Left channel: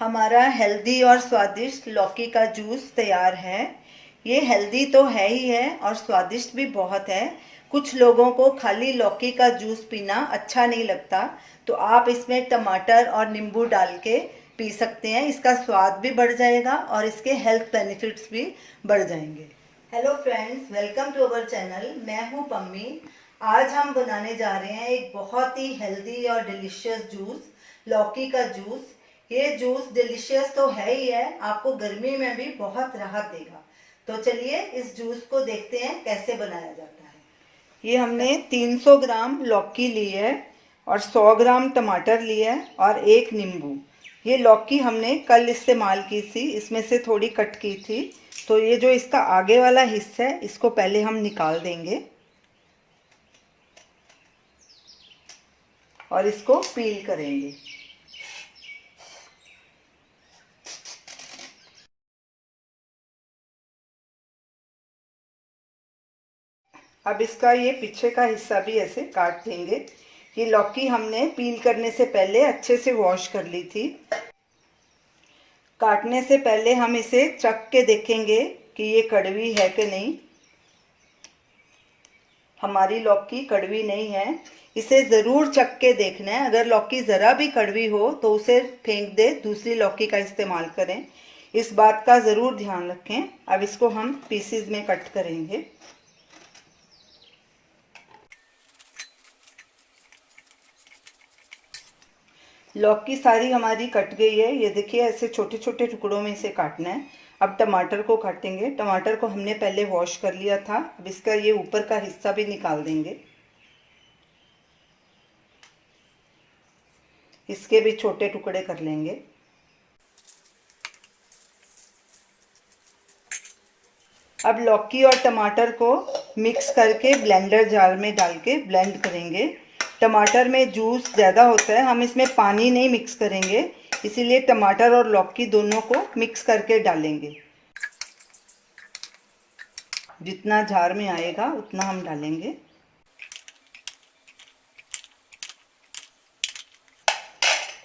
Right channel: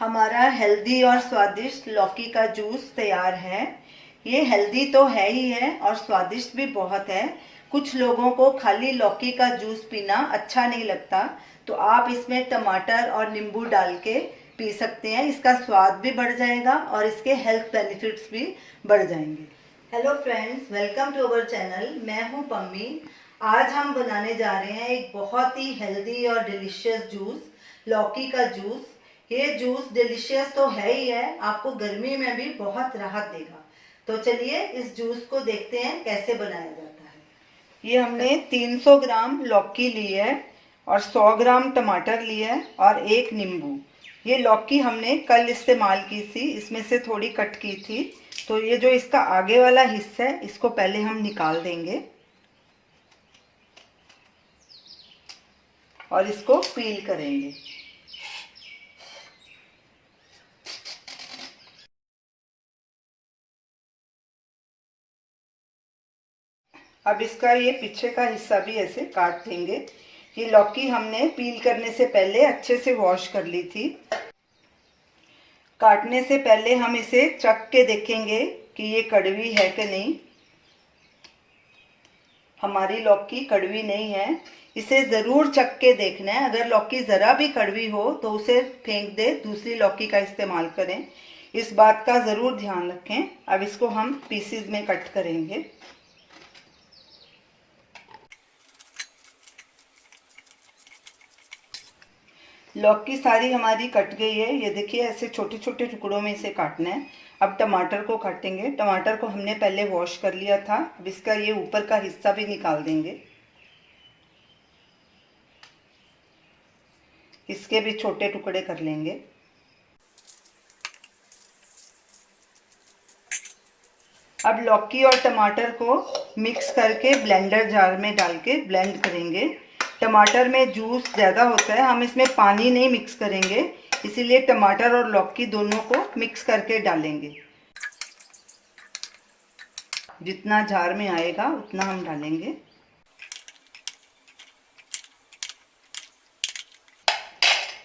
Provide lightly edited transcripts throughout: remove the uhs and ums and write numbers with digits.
हमारा हेल्दी और स्वादिष्ट लौकी का जूस तैयार है। ये हेल्दी तो है ही है और स्वादिष्ट भी बहुत है। कुछ लोगों को खाली लौकी का जूस पीना अच्छा नहीं लगता, तो आप इसमें टमाटर और नींबू डाल के पी सकते हैं। इसका स्वाद भी बढ़ जाएगा और इसके हेल्थ बेनिफिट्स भी बढ़ जाएंगे। Hello friends, welcome to our channel. मैं हूँ पम्मी। आज हम बनाने जा रहे हैं एक बहुत ही हेल्दी और डिलीशियस जूस, लौकी का जूस। ये जूस डिलीशियस तो है ही है, आपको गर्मी में भी बहुत राहत देगा। तो चलिए इस जूस को देखते हैं कैसे बनाया जाता है। ये हमने 300 ग्राम लौकी ली है और 100 ग्राम टमाटर लिया है और एक नींबू। ये लौकी हमने कल इस्तेमाल की थी, इसमें से थोड़ी कट की थी, तो ये जो इसका आगे वाला हिस्सा है इसको पहले हम निकाल देंगे और इसको पील करेंगे। अब इसका ये पीछे का हिस्सा भी ऐसे काट देंगे। ये लौकी हमने पील करने से पहले अच्छे से वॉश कर ली थी। काटने से पहले हम इसे चख के देखेंगे कि ये कड़वी है कि नहीं। हमारी लौकी कड़वी नहीं है, इसे ज़रूर चख के देखना है। अगर लौकी ज़रा भी कड़वी हो तो उसे फेंक दे, दूसरी लौकी का इस्तेमाल करें। इस बात का ज़रूर ध्यान रखें। अब इसको हम पीसीज में कट करेंगे। लौकी सारी हमारी कट गई है, ये देखिए ऐसे छोटे छोटे टुकड़ों में इसे काटना है। अब टमाटर को काटेंगे। टमाटर को हमने पहले वॉश कर लिया था, अब इसका ये ऊपर का हिस्सा भी निकाल देंगे। इसके भी छोटे टुकड़े कर लेंगे। अब लौकी और टमाटर को मिक्स करके ब्लेंडर जार में डाल के ब्लेंड करेंगे। टमाटर में जूस ज़्यादा होता है, हम इसमें पानी नहीं मिक्स करेंगे, इसीलिए टमाटर और लौकी दोनों को मिक्स करके डालेंगे। जितना जार में आएगा उतना हम डालेंगे।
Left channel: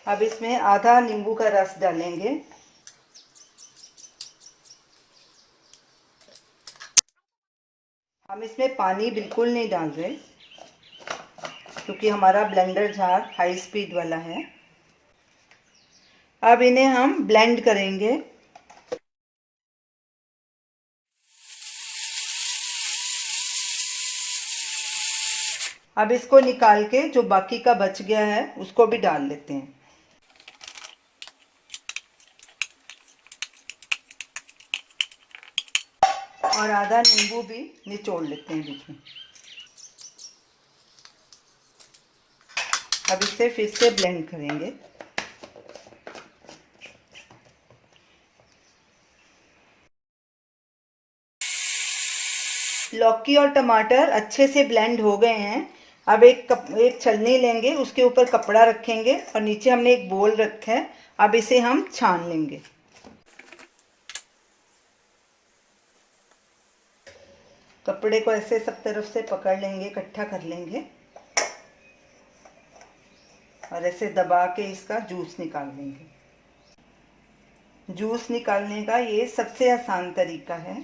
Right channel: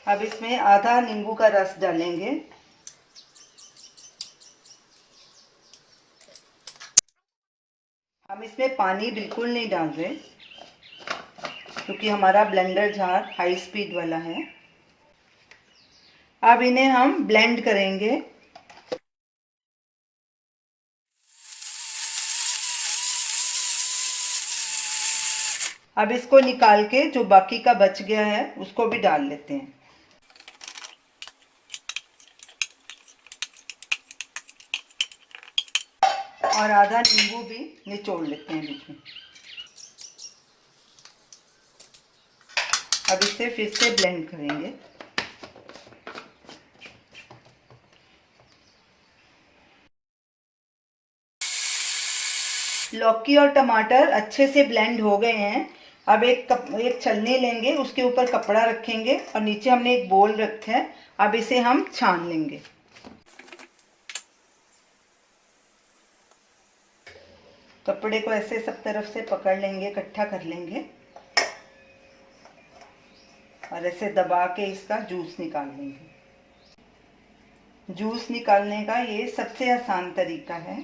अब इसमें आधा नींबू का रस डालेंगे। हम इसमें पानी बिल्कुल नहीं डाल रहे क्योंकि हमारा ब्लेंडर जार हाई स्पीड वाला है। अब इन्हें हम ब्लेंड करेंगे। अब इसको निकाल के जो बाकी का बच गया है उसको भी डाल लेते हैं और आधा नींबू भी निचोड़ लेते हैं बीच में। अब इसे फिर से ब्लेंड करेंगे। लौकी और टमाटर अच्छे से ब्लेंड हो गए हैं। अब एक छलनी लेंगे, उसके ऊपर कपड़ा रखेंगे और नीचे हमने एक बोल रखा है। अब इसे हम छान लेंगे। कपड़े को ऐसे सब तरफ से पकड़ लेंगे, इकट्ठा कर लेंगे और ऐसे दबा के इसका जूस निकाल लेंगे। जूस निकालने का ये सबसे आसान तरीका है।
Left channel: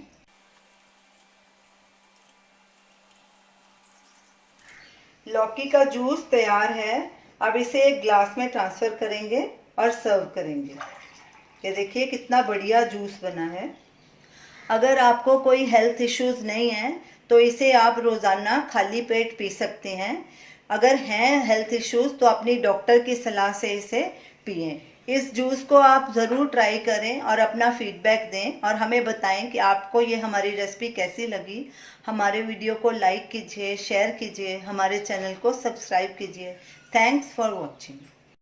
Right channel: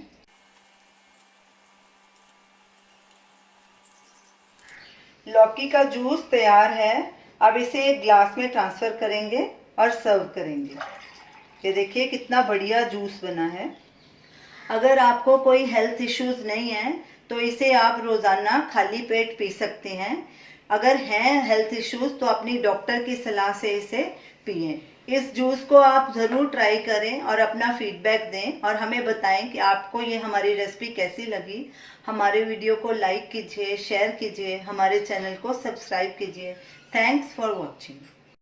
लौकी का जूस तैयार है। अब इसे एक ग्लास में ट्रांसफ़र करेंगे और सर्व करेंगे। ये देखिए कितना बढ़िया जूस बना है। अगर आपको कोई हेल्थ इश्यूज़ नहीं है तो इसे आप रोज़ाना खाली पेट पी सकते हैं। अगर हैं हेल्थ इश्यूज़ तो अपनी डॉक्टर की सलाह से इसे पिएं। इस जूस को आप ज़रूर ट्राई करें और अपना फीडबैक दें और हमें बताएं कि आपको ये हमारी रेसिपी कैसी लगी। हमारे वीडियो को लाइक कीजिए, शेयर कीजिए, हमारे चैनल को सब्सक्राइब कीजिए। Thanks for watching.